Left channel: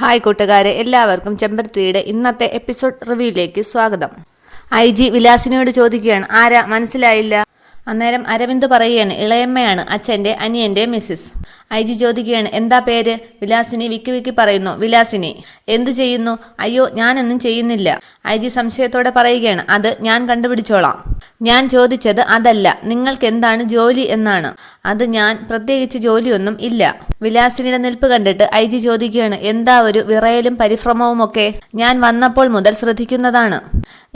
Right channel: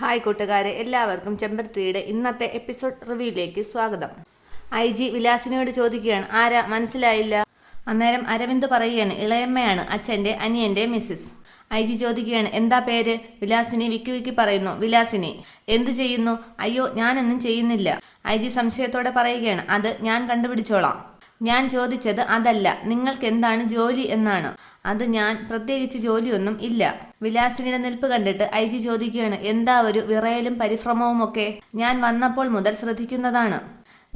Hi കൂട്ടുകാരെ, എല്ലാവർക്കും ചെമ്പരത്തിയുടെ ഇന്നത്തെ എപ്പിസോഡ് റിവ്യൂയിലേക്ക് സ്വാഗതം. IG വിലാസിനിയോട് ചോദിക്കുകയാണ്, ആരാ മനസ്സിലായില്ല? അന്നേരം അരവിന്ദ് പറയുകയാണ്, ഇളയമ്മയാണ്, അച്ഛൻ്റെ അനിയൻ്റെ മിസ്സിസ്. IG ചോദിക്കുകയാണ്, എന്താ പേര്? വിലാസിനി വിക്കി പറയുന്നു. വിലാസിനി എന്തു ചെയ്യുന്നു? അയ്യോ, ഞാനൊന്നും ചെയ്യുന്നില്ല. IG സംശയത്തോടെ പറയുകയാണ്, അത് ഞാൻ കണ്ടുപിടിച്ചോളാം. ഞാൻ ചോദിച്ചത് അതല്ല, നിങ്ങൾക്ക് എന്താണ് ജോലി എന്നാണ്. അത് ഞാൻ പ്രത്യേകിച്ച് ജോലിയൊന്നും ഇല്ല. വിലാസിനിയുടെ നിൽപ്പ് കണ്ടിട്ട് IG ചോദിക്കുകയാണ്, എന്താ ഒരു വിറയലും പരിഭ്രമവും ഒക്കെ? ഞാൻ വന്നപ്പോൾ മുതൽ ശ്രദ്ധിക്കുന്നതാണ്.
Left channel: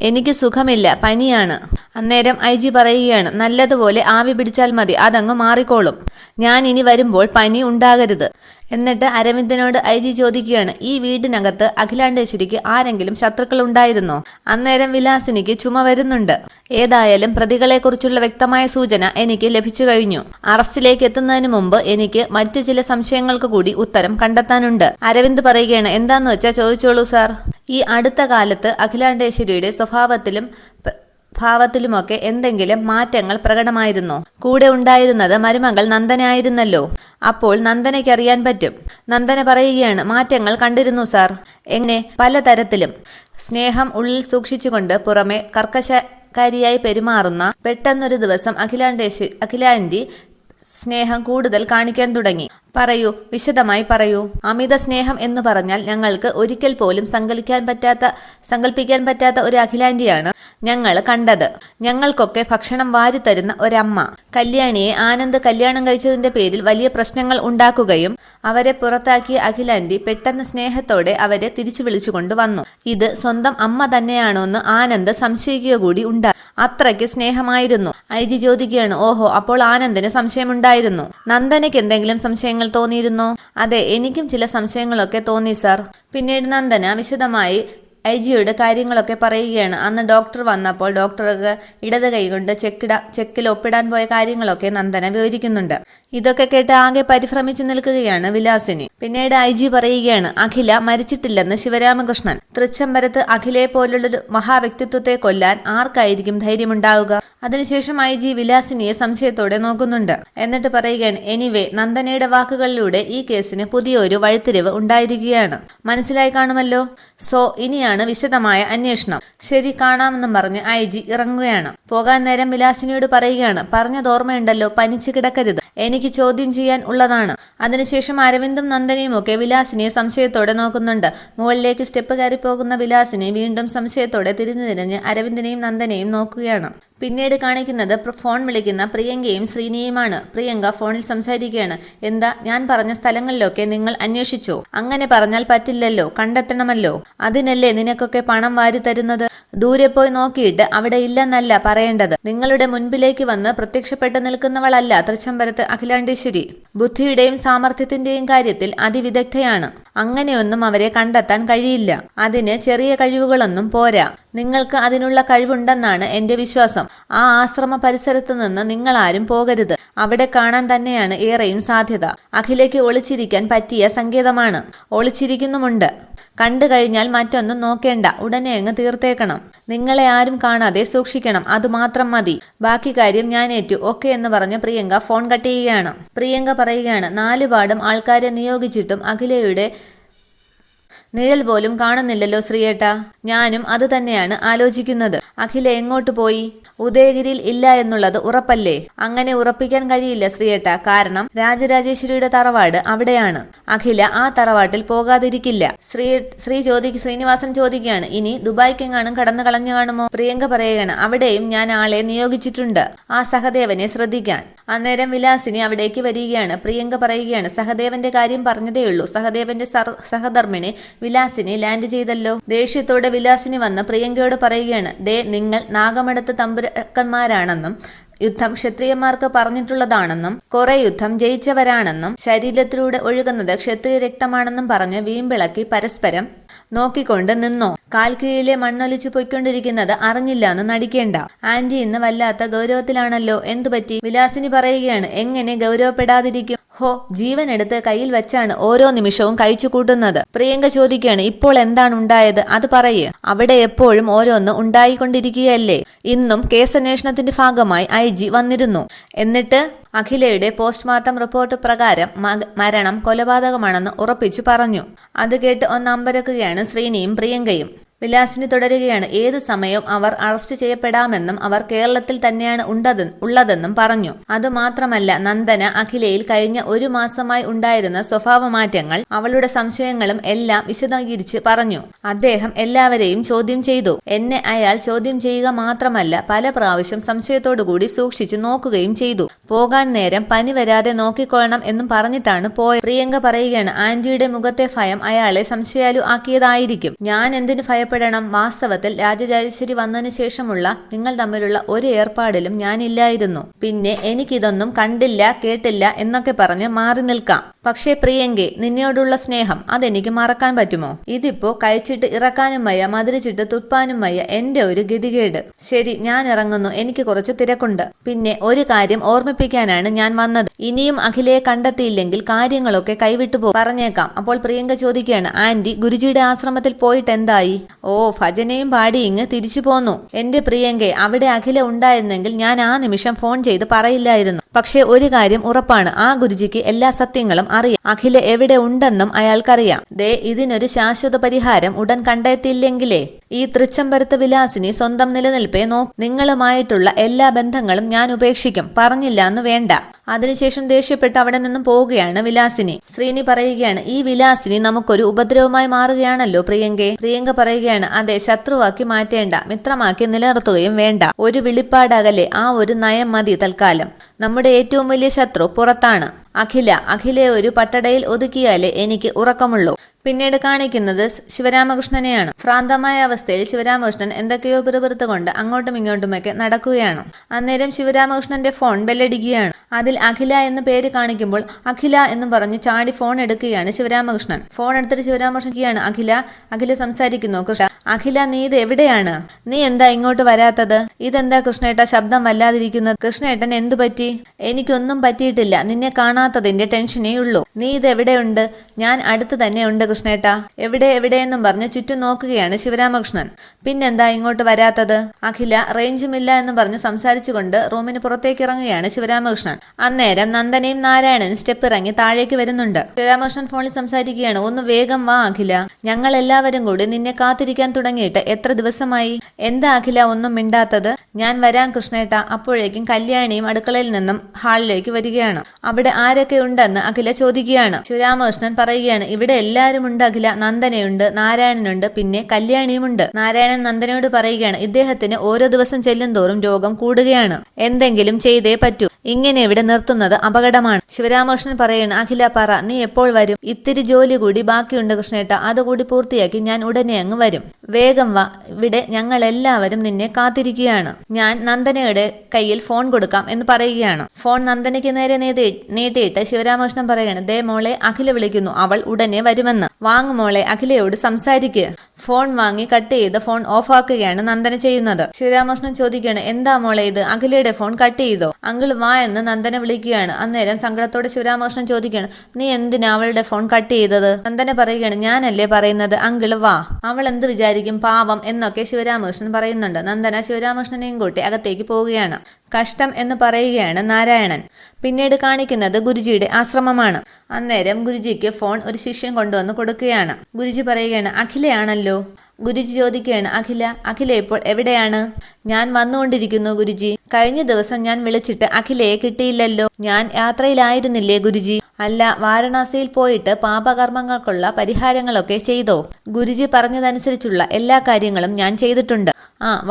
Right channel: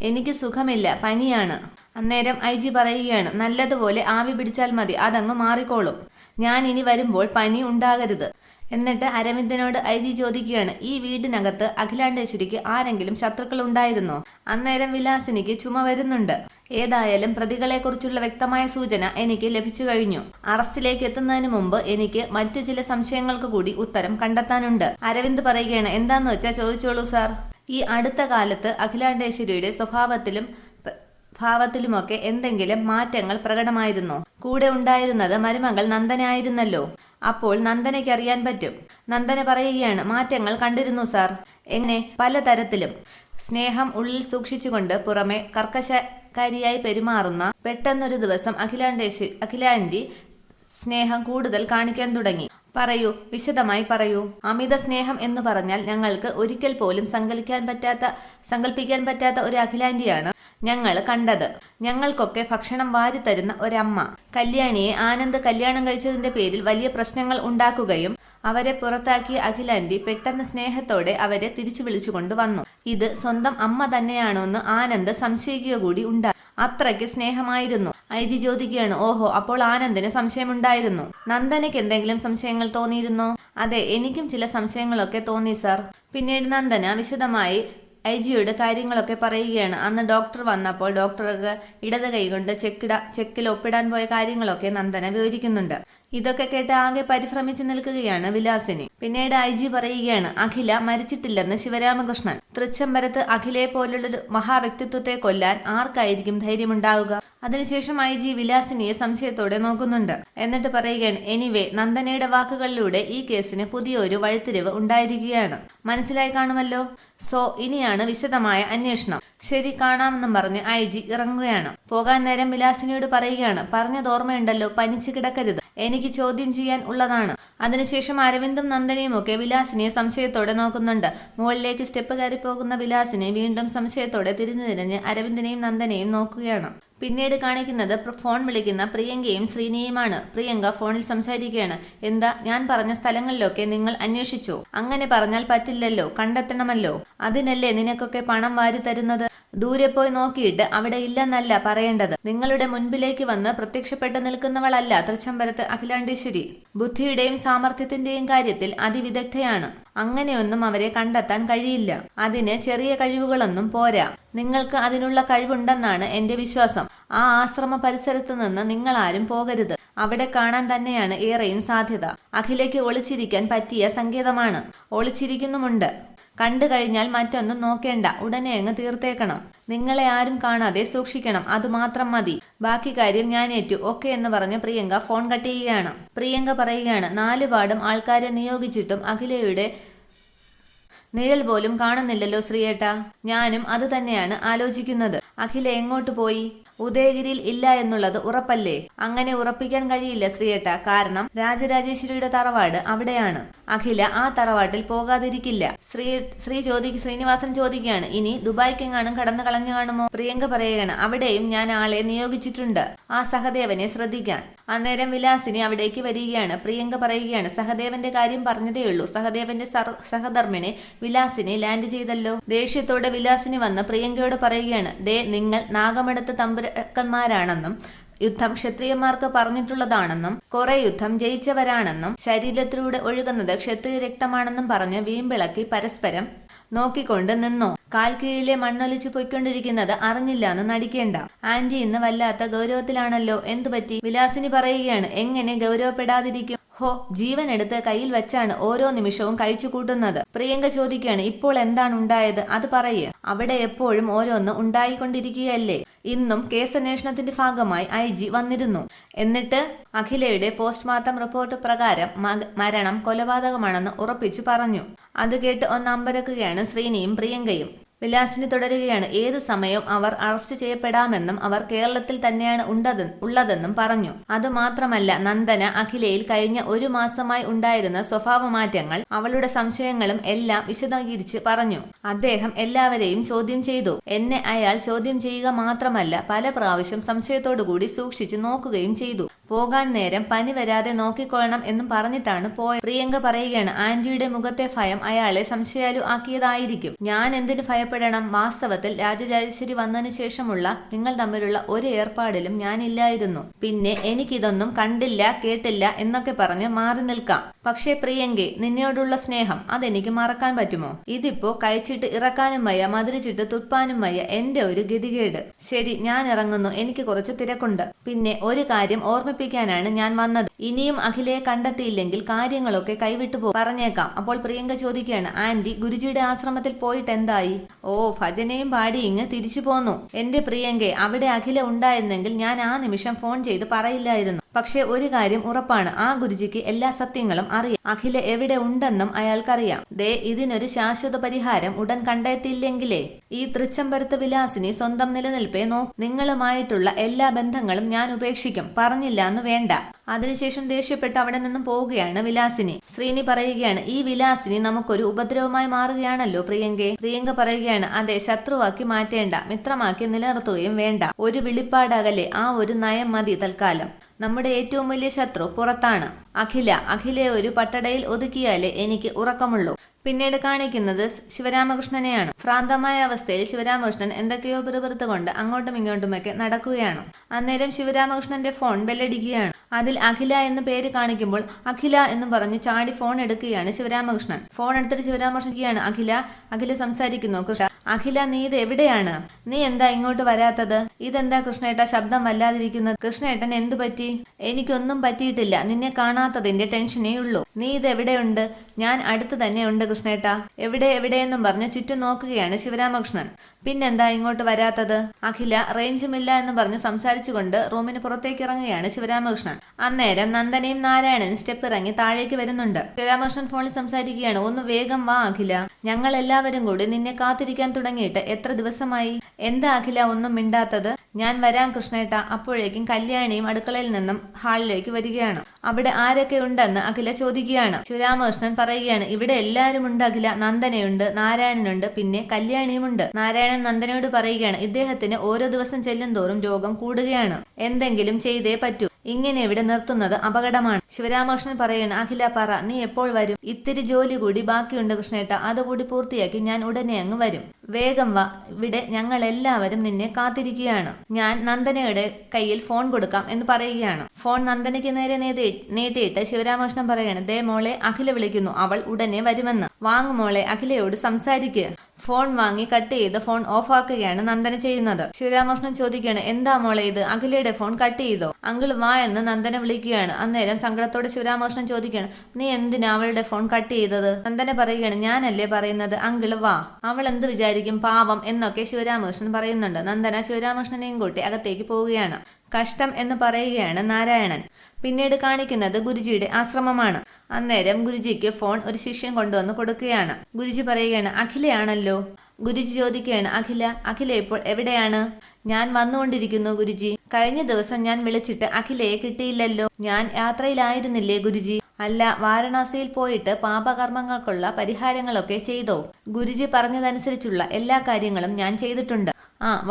എനിക്ക് സുഖമില്ല, പനിയാണ്. അന്നേരം IG പറയുകയാണ്, നല്ലതുപോലെ ആവി പിടിച്ചാൽ മതി, അതങ്ങ് മാറിക്കോളും. ഞാൻ ഇനി വരുമ്പോൾ പനി ഉണ്ടാകരുത്. എന്നിട്ട് അരവിന്ദനോട് IG ചോദിക്കുകയാണ്, ഈ വീടിനകത്ത് അഖിലാണ്ടേശ്വരിക്ക് ആരെങ്കിലും ശത്രുക്കൾ ഉണ്ടായിരുന്നോ? അന്നേരം വിലാസിനിക്ക് ചുമ വരുന്നുണ്ട്. ഏതായാലും പ്രതികളെക്കുറിച്ചുള്ള വ്യക്തമായ സൂചന എനിക്ക് ലഭിച്ചു കഴിഞ്ഞു. അറസ്റ്റിലേക്ക് എത്തുന്നതിന് മുമ്പ് എനിക്ക് മറ്റു ചില സംശയങ്ങൾക്ക് കൂടി ഉത്തരം കണ്ടെത്താനുണ്ട്. അരവിന്ദ് പറയുകയാണ്, എന്താന്ന് വെച്ചാൽ ചോദിച്ചോളൂ സാർ. ഈ അടുത്ത കാലത്ത് അഖിലാണ്ടേശ്വരിയുടെ സ്വഭാവത്തിലും ഭാവത്തിലുമൊക്കെ എന്തെങ്കിലും മാറ്റങ്ങൾ പ്രകടമായിരുന്നോ? കൂടെ ഉണ്ടായിരുന്നത് മരുമകൾ നന്ദനായിരുന്നല്ലോ. അപ്പോൾ നന്ദനയ്ക്ക് അറിയാൻ പറ്റും. നന്ദന പറയുകയാണ്, മാറ്റങ്ങൾ കണ്ടിരുന്നു സാർ. എങ്ങനെ? പലതരത്തിലും. സ്നേഹം ഉള്ളിൽ സൂക്ഷിച്ചുകൊണ്ട് പുറമെ കർക്കശക്കാരിയായി പെരുമാറുന്ന പെട്ടെന്നൊരു ദിവസം അഖിലാന്റി സ്നേഹം കൂടുതൽ കാണിക്കാൻ തുടങ്ങി. പറയൂ, വിശദമായി പറയൂ. അമിത സ്നേഹം എന്ന് പറഞ്ഞാൽ ഞങ്ങൾക്ക് ഒരിക്കൽ പോലും സങ്കല്പിക്കാൻ പറ്റാത്ത ഒരു അഖിലാന്റിയാണ് ഞങ്ങൾ കണ്ടത്. ഞങ്ങൾക്കൊക്കെ ഭക്ഷണം വാരിത്തരുന്ന ഒരമ്മ. കല്യാണിയെ ആനന്ദ് കല്യാണം കഴിച്ചതിന്റെ പേരിൽ വലിയ പ്രശ്നങ്ങൾ ഉണ്ടാക്കുകയും അവരെ പുറത്താക്കിയ അഖിലാന്റി പെട്ടെന്ന് സ്നേഹത്തോടെ അവരെ തിരിച്ചു വിളിച്ചുകൊണ്ട് വന്നു. ഇത് സ്വന്തം അമ്മ തന്നെയാണോ എന്ന് ആനന്ദ് സംശയിക്കുക കൂടി ഉണ്ടായി. അത്രയ്ക്ക് സ്നേഹമായിരുന്നു. IG ചോദിക്കുകയാണ്, ഓഹോ, അപ്പോൾ ആനന്ദിന് സംശയമുണ്ടായിരുന്നു. നന്ദനയ്ക്ക് എന്തെങ്കിലും സംശയങ്ങൾ തോന്നിയിരുന്നോ? അതെ, എനിക്കും ചില സംശയങ്ങളൊക്കെ തോന്നി സാർ. പിന്നീട് നന്ദന വിശദമായി IG കാര്യങ്ങളൊക്കെ പറയുകയാണ്. അന്ന് ഡോക്ടർ വന്നപ്പോൾ ഡോക്ടർക്ക് ഇടത് കൈകൊണ്ട് ചെക്കിൽ ഒപ്പിടാൻ പോയ കാര്യങ്ങളൊക്കെ നന്ദന വിവരിക്കുന്നുണ്ട്. ഇതൊക്കെ കേട്ട് ആകെ പരിഭ്രമിച്ചു നിൽക്കുകയാണ് വിലാസിനി. പിന്നീട് IG പറയുകയാണ്, അഖില മരിച്ചിട്ടില്ലെന്ന് ശിവരാമകൃഷ്ണൻ. തൃച്ചംബരത്ത് അഖിലയെ പോലുള്ളൊരു മഹാവ്യക്തിത്വത്തെ കൊല്ലാൻ ആർക്കായിരിക്കും ധൈര്യമുണ്ടാവുക? അതിനുശേഷം IG വിലാസിനിയെ സംശയത്തോടെ നോക്കുന്നുണ്ട്. എന്നിട്ട് പറയുകയാണ്, എനിവേ, നന്ദനയുടെ വാക്കുകളിലൂടെ ഈ കേസിന് പുതിയൊരു വഴിത്തിരിവ് ഉണ്ടായിരിക്കുകയാണ്. മനസ്സിലായി കാണുമല്ലോ. സോ ഇനിയാണ് വിശദമായ അന്വേഷണം. ശരി, കാണാമെന്നും പറഞ്ഞ് IG ഇറങ്ങുകയാണ്. പോകാൻ നേരം വിലാസിനിയോട് പറയുകയാണ്, പറഞ്ഞത് ഓർമ്മയുണ്ടല്ലോ, പനിച്ചു കിടക്കരുത്, എനിക്ക് ചോദ്യം ചെയ്യാൻ ഉള്ളതാണ്. അതിനുശേഷം അരവിന്ദും നന്ദനയും ഒക്കെ വിലാസിനിയെ സംശയത്തോടെ നോക്കുന്നുണ്ട്. മുകളിലേക്ക് സ്റ്റെപ്പ് കയറി പോകുന്ന വിലാസിനി വീണ്ടും സംശയത്തോടെ തിരിഞ്ഞ് അരവിന്ദനെയും നന്ദനെയും നോക്കുകയാണ്. പിന്നീട് കാണിക്കുന്നത് ഫോൺ വിളിക്കുന്ന പ്രിയങ്കയും ശ്രീനിയുമാണ്. പ്രിയങ്ക ഫോണിൽ സംസാരിക്കുകയാണ്, എന്താ, ഞാൻ പറഞ്ഞ സ്ഥലങ്ങളിലൊക്കെ നിങ്ങൾ അന്വേഷിച്ചോ? അങ്ങനെ പറഞ്ഞാൽ പറ്റില്ലല്ലോ, കണ്ടെത്തണമല്ലോ. അതിനല്ലേ നിനക്കൊക്കെ പണം വാരി തരുന്നത്. ദൂരെ പോയി നോക്കിയിട്ട് അവിടെ ഇല്ലെന്നല്ല പറയേണ്ടത്. നിങ്ങളുടെ മുൻപിലേക്ക് വന്ന് പ്രത്യക്ഷപ്പെട്ട് നിൽക്കുന്നവളല്ല തൃച്ചംബരത്ത് അഖിലാണ്ടേശ്വരി. ബുദ്ധിയുടെയും സാമർഥ്യത്തിന്റെയും കാര്യത്തിൽ അതിവിദഗ്ധയാണ്. അങ്ങനെയൊന്നും അവരെ കണ്ടെത്താൻ കഴിയില്ല. അതിന് ചെറിയ കഴിവുകളൊന്നും പോരാ. നിങ്ങൾക്ക് അതിനുള്ള കഴിവുണ്ടെന്നാണ് എന്റെ വിശ്വാസം. ആ ആശ്രമ പരിസരത്ത് നിന്ന് നിങ്ങളാരും പോകരുത്. അവിടെ കാണാൻ തന്നെയാണ് ഏറെയും സാധ്യത. അഖിലയ്ക്ക് ഒളിച്ചിരിക്കാൻ പറ്റിയ സങ്കേതമാണ്. ഒളിച്ചിരിക്കുന്നുമുണ്ട്. കണ്ടു കഴിഞ്ഞാൽ മറ്റൊന്നും നോക്കേണ്ട, ഉടനെ അങ്ങ് തീർത്തേക്കണം. നിങ്ങളെ ആരും കാണാതെ സൂക്ഷിക്കണം, അതുമാത്രം മതി. ബാക്കി കാര്യം ഞാൻ ഏറ്റു, ഓക്കെ എന്ന് പറഞ്ഞ് പ്രിയങ്ക ഫോൺ കട്ട് ചെയ്യുകയാണ്. പ്രിയങ്ക പറയുകയാണ്, 4 പാടും ആൾക്കാരെ നിയോഗിച്ചിട്ടും അഖിലയുടെ നിഴൽ പോലും കാണുന്നില്ലല്ലോ ശ്രീയേട്ടാ. ഞാനും അത് തന്നെയാണ് ആലോചിക്കുന്നത്. അഖില എങ്ങോട്ട് പോയി? ഉദയഗിരിയിൽ ഇല്ല എന്നുള്ളത് ഉറപ്പല്ലേ? അങ്ങനെ ഉറപ്പിക്കാൻ കഴിയില്ല ശ്രീയേട്ടാ, കാരണം രാജരാജേശ്വരിയുടെ തറവാട് അവിടെയാണ്. അഖില ആ തറവാട്ടിൽ പോകാതിരിക്കില്ല. ശ്രീനിവാസൻ ചോദിക്കുകയാണ്, ഇനി ദുബായ്ക്കെങ്ങാനും കടന്നു കളഞ്ഞു കാണുമോ? പ്രിയങ്ക പറയുകയാണ്, അവിടെയും ഞാൻ ആളെ നിയോഗിച്ചിട്ടുണ്ട്, ആ സഹദേവനെ ശ്രദ്ധിക്കാൻ. അന്നേരം വിലാസിനി അവിടേക്ക് വരികയാണ്. പ്രിയങ്ക പറയുകയാണ്, സഹദേവന്റെ കാര്യം പറഞ്ഞതേയുള്ളൂ. സഹദേവന്റെ സഹധർമ്മിണി വിലാസിനി ലാൻഡ് ചെയ്തല്ലോ. ദേഷ്യത്തോടെ വിലാസിനി വന്ന് പ്രിയങ്കയോട് പറയുകയാണ്, ദേ, നിങ്ങൾ നാഗമടത്ത് തമ്പുരാക്കന്മാരാണെന്നും യുദ്ധം ക്ഷത്രിയന്മാർക്ക് പറഞ്ഞിട്ടുള്ളതാണെന്നും കുറെ യുദ്ധം ജയിച്ചവരാണെന്നും ശരീരത്തിലൂടെ ഒഴുകുന്നത് ക്ഷത്രിയ രക്തമാണെന്നും പറഞ്ഞ് വീമ്പിളക്കി പരസ്പരം നോക്കിക്കൊണ്ട് നിന്നോ. കാൽക്കീഴിലെ മണ്ണൊലിച്ചു പൊയ്ക്കൊണ്ടിരിക്കുന്നത് അറിഞ്ഞില്ലാന്ന് നടിക്കേണ്ട. ആന്റി ഇന്ന് വല്ലാത്ത ഗൗരവത്തിലാണല്ലോ, എന്തുപറ്റി? വിലാസിനി പറയുകയാണ്, എങ്ങനെ ഗൗരവപ്പെടാതിരിക്കും? ഹോ, ജീവൻ എടുത്ത് കയ്യിൽ വെച്ചാണ് ഓരോ നിമിഷവും കഴിച്ചു കൂട്ടുന്നത്. പ്രിയങ്ക ചോദിക്കുകയാണ്, ഇപ്പോൾ എന്താണ് ഉണ്ടായത്, അത് പറയേ. അവിടെ എപ്പോഴും ഓരോന്ന് ഉണ്ടായിക്കൊണ്ടിരിക്കുകയല്ലേ. ഇന്നും കേസന്വേഷണത്തിന്റെ ഭാഗമായി IG വന്നിരുന്നു. എന്നിട്ട് അഖിലയുടെ പോസ്റ്റ്മോർട്ടം റിപ്പോർട്ട് പ്രകാരം മരണം കൊലപാതകമാണെന്ന് ഉറപ്പിച്ചു പറഞ്ഞു. അത് കേട്ട് ഒന്ന് അമ്പരക്കുകയാണ് ശ്രീനിയും പ്രിയങ്കയും. വിലാസിനി തുടരുകയാണ്, ഏതു സമയവും അവർ അറസ്റ്റ് ചെയ്യപ്പെടാമെന്നും അവർ കേരളത്തിൽ തന്നെയാണ് ഉള്ളതെന്നും പറഞ്ഞു. അതുമാത്രമല്ല, നന്ദന അഖിലയിൽ കഴിഞ്ഞ 1 മാസമായി ഉണ്ടായിരുന്ന സ്വഭാവമാറ്റങ്ങൾ, അവളുടെ സംശയങ്ങളും എല്ലാം വിശദീകരിച്ച് പറഞ്ഞു. അദ്ദേഹം എല്ലാവരെയും ചോദ്യം ചെയ്തു. എന്നെ അയാൾ ചോദ്യം ചെയ്യുക മാത്രമല്ല, പല പ്രാവശ്യം സംശയത്തോടുകൂടി സൂക്ഷിച്ചു നോക്കുകയും ചെയ്തു. പോകാൻ നേരം പനി വരാതെ നോക്കിക്കൊള്ളണം എന്നും പറഞ്ഞിട്ടാണ് പോയത്. പ്രിയങ്ക പറയുകയാണ്, ആന്റിയുടെ മുഖത്തെ ഭയം അയാളെ സംശയാലു ആക്കിയതായിരിക്കും. ഞാൻ എന്തിനു ഭയപ്പെടണം? വാസ്തവത്തിൽ രാജരാജേശ്വരി വന്നതിന് ശേഷമുള്ള നിങ്ങൾ തമ്മിലുള്ള ഒരു ഏർപ്പാടിലും ഞാനില്ലായിരുന്നു. പിന്നെ എനിക്കിതൊന്നും കണ്ടില്ല കേട്ടില്ല എന്നൊക്കെ പറഞ്ഞ് മാറി നിൽക്കാം. പക്ഷേ പ്രിയങ്കെ, നിന്നോടുള്ള സ്നേഹം അതെനിക്ക് മറക്കാൻ പറ്റുമോ? ഇതിപ്പോ കഴിച്ചിട്ട് ഇറക്കാനും വയ്യ, മധുരിച്ചിട്ട് തുപ്പാനും വയ്യ. എന്റെ ഒരു ഗതികേട്. ശരി, ഞാൻ ഇറങ്ങുന്നു, എനിക്ക് കുറച്ച് തിരക്കുണ്ട്. പിന്നെ ഒരു കാര്യം ഓർമ്മിപ്പിക്കാനാണ് ഞാൻ വന്നത്. ഇനിയും അഖിലയെ കണ്ടെത്തിയില്ലെങ്കിൽ കാര്യങ്ങളൊക്കെ കൈവിട്ടു പറഞ്ഞേക്കാം. അപ്പോൾ പ്രിയങ്ക ചോദിക്കുകയാണ്, ആന്റി ഗുരുജിയുടെ ആശ്രമത്തിൽ പോയിട്ട് എന്തായി? ഓ, ഭജനയും പാടി ഇങ്ങ് തിരിച്ചു പോന്നു. എന്റെ പ്രിയങ്കെ, അവിടെ അഖില ഉണ്ടായിരുന്നെങ്കിൽ ഞാൻ ആ നിമിഷം ഫോൺ ചെയ്ത് പറയില്ലായിരുന്നു. പക്ഷെ ഒരു കാര്യം ഉറപ്പാണ്, ആ ഗുരുജിക്ക് എല്ലാ സത്യങ്ങളും അറിയാം. അഖില എവിടെ ഉണ്ടെന്നും അയാൾക്കറിയാം. ദേ, ഇതിനൊരു ശാശ്വത പരിഹാരം ഉടൻ കണ്ടെത്തിയില്ലെങ്കിലേ ഈ തൃച്ചംബരത്ത് വിലാസിനി സ്വന്തം നിലനിൽപ്പേ നിങ്ങളുമായിട്ടുള്ള എല്ലാ ബന്ധങ്ങളും ഞാൻ ഉപേക്ഷിക്കും. പറഞ്ഞില്ല എന്ന് വേണ്ട. അതിനുശേഷം ദേഷ്യപ്പെട്ട് അവിടെ നിന്നും പോവുകയാണ് വിലാസിനി. ശ്രീനി പറയുകയാണ്, ഈ വിലാസിനി നമുക്കൊരു ഉപദ്രവമായി മാറുകയാണല്ലോ പ്രിയങ്കെ. പ്രിയങ്ക പറയുകയാണ്, അതെ, ശത്രുവാക്കി മാറ്റേണ്ട, മിത്രമാക്കി നിലനിർത്തുകയും വേണ്ട. ഒരു വിളിപ്പാടകലെ ആ ഒരു നയം മതി തൽക്കാലം. നമ്മുടെ ഏറ്റവും വലിയ ശത്രു പുറത്താണ്. അഖിലയെ ഒരു പട്ടടയിൽ ഒതുക്കിയാലേ എനിക്ക് ഉറക്കമുള്ളൂ. പിന്നീട് കാണിക്കുന്നത് ശിവരാമകൃഷ്ണനെയാണ്. ഭ്രാന്തമായ അവസ്ഥയിൽ ശിവരാമകൃഷ്ണൻ എന്തൊക്കെയോ പിറുപിറുത്തുകൊണ്ട് അങ്ങോട്ടും ഇങ്ങോട്ടുമൊക്കെ നടക്കുകയാണ്. അന്നേരം ശിവരാമകൃഷ്ണന്റെ ഫോൺ ബെല്ലടിക്കുകയാണ്. അതിൽ അഖില എന്ന് പേര് കാണിക്കുമ്പോൾ അഖില എന്ന് പറഞ്ഞ് ചാടി ഫോൺ എടുക്കുകയാണ് ശിവരാമകൃഷ്ണൻ. ഫോൺ എടുത്തിട്ട് ശിവരാമകൃഷ്ണൻ അഖില സംസാരിക്കുന്നു. കൃഷ്ണ, അഖില, നീ ഇത് എവിടെയാണ്? നീ എന്താ ഇങ്ങോട്ട് വരാത്തത്? ഇതെന്താ കൃഷ്ണേട്ട ശബ്ദം വല്ലാതിരിക്കുന്നത്? കൃഷ്ണേട്ടൻ എന്തു പറ്റി? എനിക്കൊന്നും പറ്റിയിട്ടില്ല, നിന്നെ കാണാത്തതിന്റെ ടെൻഷനേ ഉള്ളൂ. നീ ഇത് എവിടെയുണ്ട്? ഞാൻ അടുത്ത് തന്നെ ഉണ്ട് കൃഷ്ണേട്ട. എവിടെയെന്നും പറഞ്ഞ് ചുറ്റും നോക്കുകയാണ് ശിവരാമകൃഷ്ണൻ. പിന്നെന്താ ഇങ്ങോട്ട് വരാത്തത്? അഖില റേഞ്ചുമില്ല എന്ന് പറഞ്ഞ് സംസാരിച്ചുകൊണ്ട് റൂമിന് പുറത്തേക്ക് ഇറങ്ങുകയാണ് ശിവരാമകൃഷ്ണൻ. അന്നേരം നന്ദനയും നാരായണനും സ്റ്റെപ്പ് ഇറങ്ങി താഴേക്ക് വരുന്നുണ്ട്. ശിവരാമകൃഷ്ണൻ ഫോണിൽ സംസാരിക്കുകയാണ്, ഒന്ന് വേഗം വാ അഖില, ഞങ്ങൾ എല്ലാവരും കൂടി നിന്നെ കാത്തിരിക്കാൻ തുടങ്ങിയിട്ട് എത്ര ദിവസമായി? എന്താ അഖില ഒന്നും മിണ്ടാത്തത്? ഞാൻ വരാം കൃഷ്ണേട്ട. അപ്പോഴേക്കും കല്യാണിയും അടുക്കളയിൽ നിന്നും ഹാളിലേക്ക് വരികയാണ്. അവിടെ ആരൊക്കെ ഉണ്ടെന്ന് അഖില ചോദിക്കുകയാണ്. ശിവരാമകൃഷ്ണൻ പറയുകയാണ്, ഇവിടെ എല്ലാവരും ഉണ്ട് അഖില. നന്ദനയുണ്ട്, നാരായണനുണ്ട്, പിന്നെ കല്യാണിയുമുണ്ട്. നാരായണൻ നന്ദനയോട് പറയുകയാണ്, ഇദ്ദേഹത്തിന് ഓരോ ദിവസം ചെല്ലും തോറും രോഗം കൂടുകയാണ്. എന്തെങ്കിലും ചെയ്തേ പറ്റൂ. ഇങ്ങനെ ഇവിടെ നിർത്തുന്നത് അപകടമാണ്. ശിവരാമകൃഷ്ണൻ പറയുന്നു, അഖില പറ, നീ എപ്പോൾ വരും? ഇത്തിരി ജോലി കൂടി ബാക്കിയുണ്ട് കൃഷ്ണേട്ട, അതുകൂടി പൂർത്തിയാക്കി ഞാൻ ഉടനെ അങ്ങ് വരും. വേഗം വാ, ഇവിടെ ഞങ്ങൾ എല്ലാവരും നിന്നെ കാത്തിരിക്കുകയാണ്. ഞാൻ നന്ദനയുടെ കയ്യിൽ ഫോൺ കൊടുക്കാം എന്ന് പറയുകയാണ്. ഫോൺ നന്ദനയ്ക്ക് നേരെ നീട്ടിയിട്ട് ശിവരാമകൃഷ്ണൻ പറയുകയാണ്, ദേ മോളെ, അഖില വിളിക്കുന്നു, അവൾ ഉടനെ വരുമെന്ന്. വാങ്ങു മോളെ, അഖിലയോട് സംസാരിക്കുക. ഫോൺ വാങ്ങി കട്ട് ചെയ്ത് ഫോൺ ഓഫ് ആക്കുകയാണ് നന്ദന ചെയ്യുന്നത്. ശിവരാമകൃഷ്ണൻ ചോദിക്കുകയാണ്, എന്താ മോളെ ഇത്? അഖിലയുടെ ഫോൺ കട്ട് ചെയ്തോ? അങ്കിൾ വാ എന്ന് നന്ദന വിളിക്കുകയാണ്. അന്നേരം സങ്കടത്തോടെ ശിവരാമകൃഷ്ണൻ ചോദിക്കുകയാണ്, നീ എന്തിനാ അവളുടെ ഫോൺ കട്ട് ചെയ്തത്? നന്ദന പറയുകയാണ്, ഞാനല്ലേ പറയുന്നത്, അങ്കിൾ വാ, അവൾ എന്ത് വിചാരിക്കും, പാവം എന്നൊക്കെ ശിവരാമകൃഷ്ണൻ പറയുന്നുണ്ട്. നന്ദന ശിവരാമകൃഷ്ണനെയും കൂട്ടി അകത്തേക്ക് പോവുകയാണ്. കഷ്ടം എന്ന് പറയുകയാണ് നാരായണൻ. പിന്നീട് കാണിക്കുന്നത് ഗുരുജിയുടെ ആശ്രമമാണ്. അന്നേരം ഗുരുജിക്ക് ഫോൺ ഒരു ശിഷ്യൻ കൊണ്ടുവന്ന് കൊടുക്കുകയാണ്. ഗുരുജി പറയുകയാണ്, അഖിലയാണല്ലോ. ഗുരുജി ചോദിക്കുകയാണ്, അഖില ഇപ്പോൾ എവിടെയാണ്? ഞാൻ വന്നുകൊണ്ടിരിക്കുന്നു ഗുരുജി. കഴിഞ്ഞ ദിവസം ഞാൻ വിളിച്ചിട്ട് അഖിലയെ കിട്ടിയില്ലല്ലോ. ഞാൻ യാത്രയിലായിരുന്നില്ലേ ഗുരുജി? അല്ല, വാരണാസിയിൽ പോയിട്ട് പാപകർമ്മങ്ങൾക്കുള്ള പരിഹാരങ്ങളൊക്കെ ചെയ്തോ? ഗുരുജി പറഞ്ഞതനുസരിച്ചുള്ള എല്ലാ കാര്യങ്ങളും ഞാൻ ചെയ്തിട്ടുണ്ട്.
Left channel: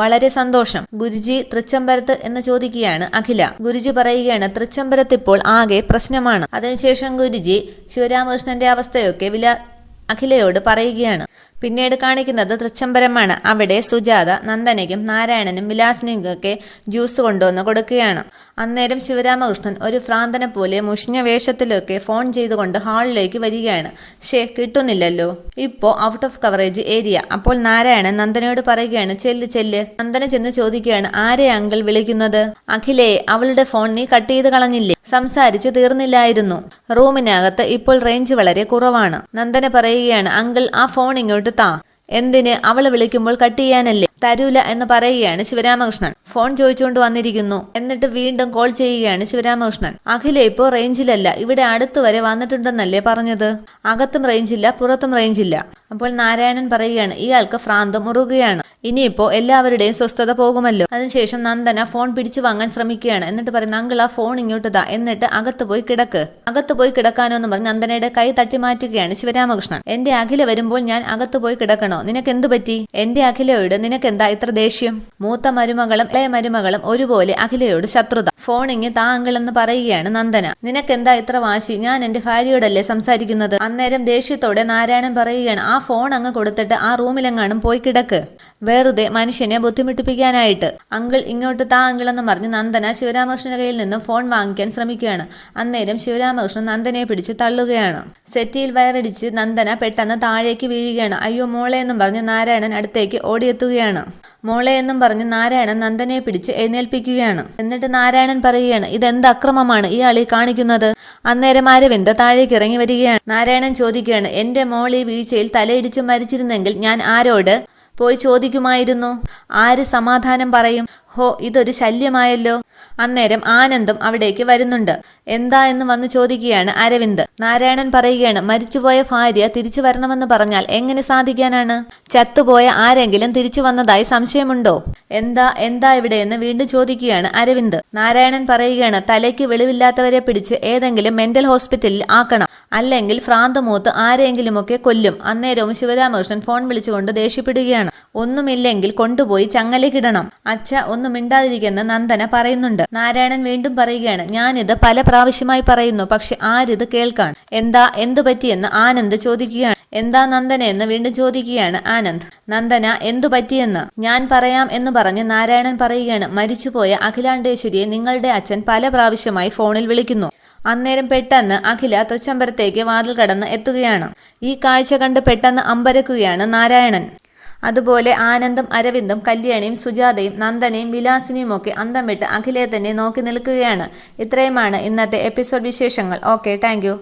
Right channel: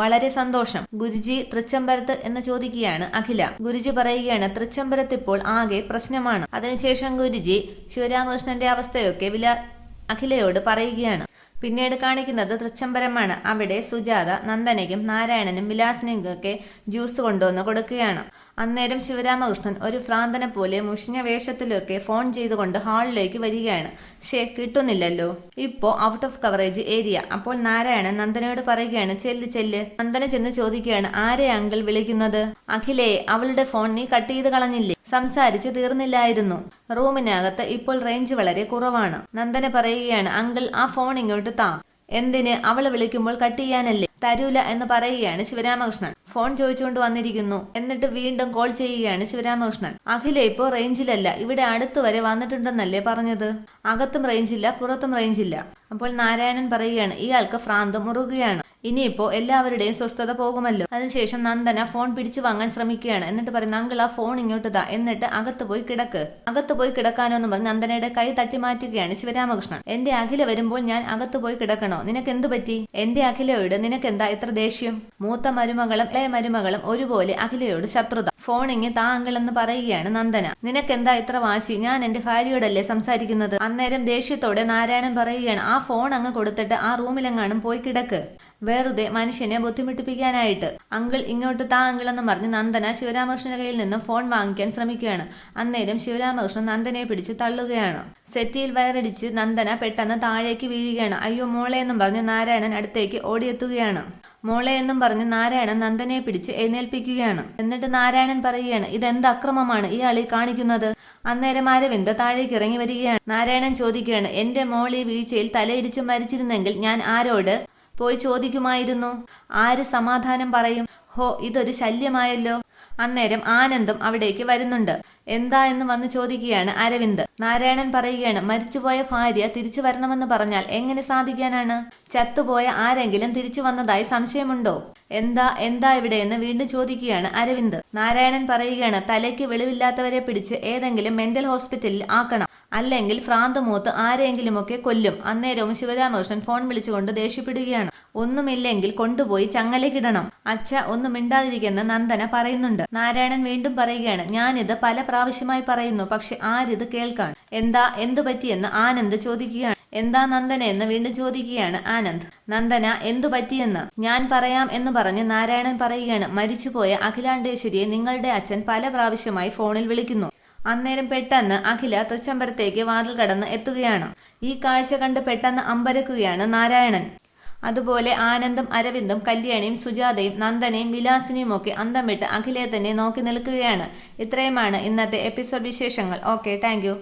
വളരെ സന്തോഷം. ഗുരുജി തൃച്ചംബരത്ത് എന്ന് ചോദിക്കുകയാണ് അഖില. ഗുരുജി പറയുകയാണ്, തൃച്ചംബരത്ത് ഇപ്പോൾ ആകെ പ്രശ്നമാണ്. അതിനുശേഷം ഗുരുജി ശിവരാമകൃഷ്ണന്റെ അവസ്ഥയൊക്കെ അഖിലയോട് പറയുകയാണ്. പിന്നീട് കാണിക്കുന്നത് തൃച്ചംബരമാണ്. അവിടെ സുജാത നന്ദനയ്ക്കും നാരായണനും വിലാസിനിക്കൊക്കെ ജ്യൂസ് കൊണ്ടുവന്ന് കൊടുക്കുകയാണ്. അന്നേരം ശിവരാമകൃഷ്ണൻ ഒരു ഭ്രാന്തനെ പോലെ മുഷിഞ്ഞ വേഷത്തിലൊക്കെ ഫോൺ ചെയ്തുകൊണ്ട് ഹാളിലേക്ക് വരികയാണ്. കിട്ടുന്നില്ലല്ലോ, ഇപ്പോ ഔട്ട് ഓഫ് കവറേജ് ഏരിയ. അപ്പോൾ നാരായണൻ നന്ദനയോട് പറയുകയാണ്, ചെല്ല്. നന്ദന ചെന്ന് ചോദിക്കുകയാണ്, ആരെ അങ്കിൾ വിളിക്കുന്നത്? അഖിലേ, അവളുടെ ഫോൺ നീ കട്ട് ചെയ്ത് കളഞ്ഞില്ലേ? സംസാരിച്ച് തീർന്നില്ലായിരുന്നു. റൂമിനകത്ത് ഇപ്പോൾ റേഞ്ച് വളരെ കുറവാണ്. നന്ദന പറയുകയാണ്, അങ്കിൾ ആ ഫോൺ ഇങ്ങോട്ട് താ. എന്തിന്? അവള് വിളിക്കുമ്പോൾ കട്ട് ചെയ്യാനല്ലേ? തരൂല എന്ന് പറയുകയാണ് ശിവരാമകൃഷ്ണൻ. ഫോൺ ചോദിച്ചുകൊണ്ട് വന്നിരിക്കുന്നു. എന്നിട്ട് വീണ്ടും കോൾ ചെയ്യുകയാണ് ശിവരാമകൃഷ്ണൻ. അഖില ഇപ്പോ റേഞ്ചിലല്ല, ഇവിടെ അടുത്ത് വരെ വന്നിട്ടുണ്ടെന്നല്ലേ പറഞ്ഞത്? അകത്തും റേഞ്ചില്ല, പുറത്തും റേഞ്ചില്ല. അപ്പോൾ നാരായണൻ പറയുകയാണ്, ഇയാൾക്ക് ഭ്രാന്ത് മുറുകയാണ്. ഇനിയിപ്പോ എല്ലാവരുടെയും സ്വസ്ഥത പോകുമല്ലോ. അതിനുശേഷം നന്ദന ഫോൺ പിടിച്ചു വാങ്ങാൻ ശ്രമിക്കുകയാണ്. എന്നിട്ട് പറയുന്ന, അങ്കിൾ ആ ഫോൺ ഇങ്ങോട്ട് താ, എന്നിട്ട് അകത്ത് പോയി കിടക്ക്. അകത്ത് പോയി കിടക്കാനോ എന്ന് പറഞ്ഞ് നന്ദനയുടെ കൈ തട്ടി മാറ്റുകയാണ് ശിവരാമകൃഷ്ണൻ. എന്റെ അഖില വരുമ്പോൾ ഞാൻ അകത്ത് പോയി കിടക്കണോ? നിനക്ക് എന്തു പറ്റി? എന്റെ അഖിലയോട് നിനക്കെന്താ ഇത്ര ദേഷ്യം? മൂത്ത മരുമകളും ഇളയ മരുമകളും ഒരുപോലെ അഖിലയോട് ശത്രുത. ഫോണിങ് താ അങ്കിൾ എന്ന് പറയുകയാണ് നന്ദന. നിനക്കെന്താ ഇത്ര വാശി? ഞാൻ എന്റെ ഭാര്യയോടല്ലേ സംസാരിക്കുന്നത്? അന്നേരം ദേഷ്യത്തോടെ നാരായണൻ പറയുകയാണ്, ആ ഫോൺ അങ്ങ് കൊടുത്തിട്ട് ആ റൂമിലെങ്ങാനും പോയി കിടക്ക്, വെറുതെ മനുഷ്യനെ ബുദ്ധിമുട്ടിപ്പിക്കാനായിട്ട്. അങ്കിൾ ഇങ്ങോട്ട് താ അങ്കിൾ എന്ന് പറഞ്ഞ് നന്ദന ശിവരാമകൃഷ്ണന്റെ കയ്യിൽ നിന്നും ഫോൺ വാങ്ങിക്കാൻ ശ്രമിക്കുകയാണ്. അന്നേരം ശിവരാമകൃഷ്ണൻ നന്ദനയെ പിടിച്ച് തള്ളുകയാണ്. സെറ്റിയിൽ വയറടിച്ച് നന്ദന പെട്ടെന്ന് താഴേക്ക് വീഴുകയാണ്. അയ്യോ മോളെ എന്നും പറഞ്ഞ് നാരായണൻ അടുത്തേക്ക് ഓടിയെത്തുകയാണ്. മോളെ എന്നും പറഞ്ഞ് നാരായണൻ നന്ദനയെ പിടിച്ച് എഴുന്നേൽപ്പിക്കുകയാണ്. എന്നിട്ട് നാരായണൻ പറയുകയാണ്, ഇതെന്ത് അക്രമമാണ് ഇയാൾ ഈ കാണിക്കുന്നത്? അന്നേരം അരവിന്ദ് താഴേക്ക് ഇറങ്ങി വരികയാണ്. നാരായണൻ ചോദിക്കുകയാണ്, എന്റെ മോൾ ഈ വീഴ്ചയിൽ തലയിടിച്ച് മരിച്ചിരുന്നെങ്കിൽ ഞാൻ ആരോട് പോയി ചോദിക്കുമായിരുന്നു? ആര് സമാധാനം പറയും? ഇതൊരു ശല്യമായല്ലോ. അന്നേരം ആനന്ദും അവിടേക്ക് വരുന്നുണ്ട്. എന്താ എന്ന് വന്ന് ചോദിക്കുകയാണ് അരവിന്ദ്. നാരായണൻ പറയുകയാണ്, മരിച്ചുപോയ ഭാര്യ തിരിച്ചു വരണമെന്ന് പറഞ്ഞാൽ എങ്ങനെ സാധിക്കാനാണ്? ചത്തുപോയ ആരെങ്കിലും തിരിച്ചു വന്നതായി സംശയമുണ്ടോ? എന്താ ഇവിടെയെന്ന് വീണ്ടും ചോദിക്കുകയാണ് അരവിന്ദ്. നാരായണൻ പറയുകയാണ്, തലയ്ക്ക് വെളിവില്ലാത്തവരെ പിടിച്ച് ഏതെങ്കിലും മെന്റൽ ഹോസ്പിറ്റലിൽ ആക്കണം, അല്ലെങ്കിൽ ഭ്രാന്ത് മൂത്ത് ആരെങ്കിലുമൊക്കെ കൊല്ലും. അന്നേരവും ശിവരാമകൃഷ്ണൻ ഫോൺ വിളിച്ചുകൊണ്ട് ദേഷ്യപ്പെടുകയാണ്. ഒന്നുമില്ലെങ്കിൽ കൊണ്ടുപോയി ചങ്ങലക്കിടണം. അച്ഛ ഒന്നും മിണ്ടാതിരിക്കുന്ന നന്ദന പറയുന്നുണ്ട്. നാരായണൻ വീണ്ടും പറയുകയാണ്, ഞാനിത് പല പ്രാവശ്യമായി പറയുന്നു, പക്ഷെ ആരിത് കേൾക്കാൻ? എന്തു പറ്റിയെന്ന് ആനന്ദ് ചോദിക്കുകയാണ്. എന്താ നന്ദന എന്ന് വീണ്ടും ചോദിക്കുകയാണ് ആനന്ദ്. നന്ദന എന്തു പറ്റിയെന്ന് ഞാൻ പറയാം എന്ന് പറഞ്ഞ് നാരായണൻ പറയുകയാണ്, മരിച്ചുപോയ അഖിലാണ്ടേശ്വരിയെ നിങ്ങളുടെ അച്ഛൻ പല പ്രാവശ്യമായി ഫോണിൽ വിളിക്കുന്നു. അന്നേരം പെട്ടെന്ന് അഖില തൃച്ചംബരത്തേക്ക് വാതിൽ കടന്ന് എത്തുകയാണ്. ഈ കാഴ്ച കണ്ട് പെട്ടെന്ന് അമ്പരക്കുകയാണ് നാരായണൻ. അതുപോലെ ആനന്ദും അരവിന്ദും കല്യാണിയും സുജാതയും നന്ദനയും വിലാസിനിയും ഒക്കെ അന്തം വിട്ട് അഖിലയെ തന്നെ നോക്കി നിൽക്കുകയാണ്. ഇത്രയുമാണ് ഇന്നത്തെ എപ്പിസോഡ് വിശേഷങ്ങൾ. Okay, thank you.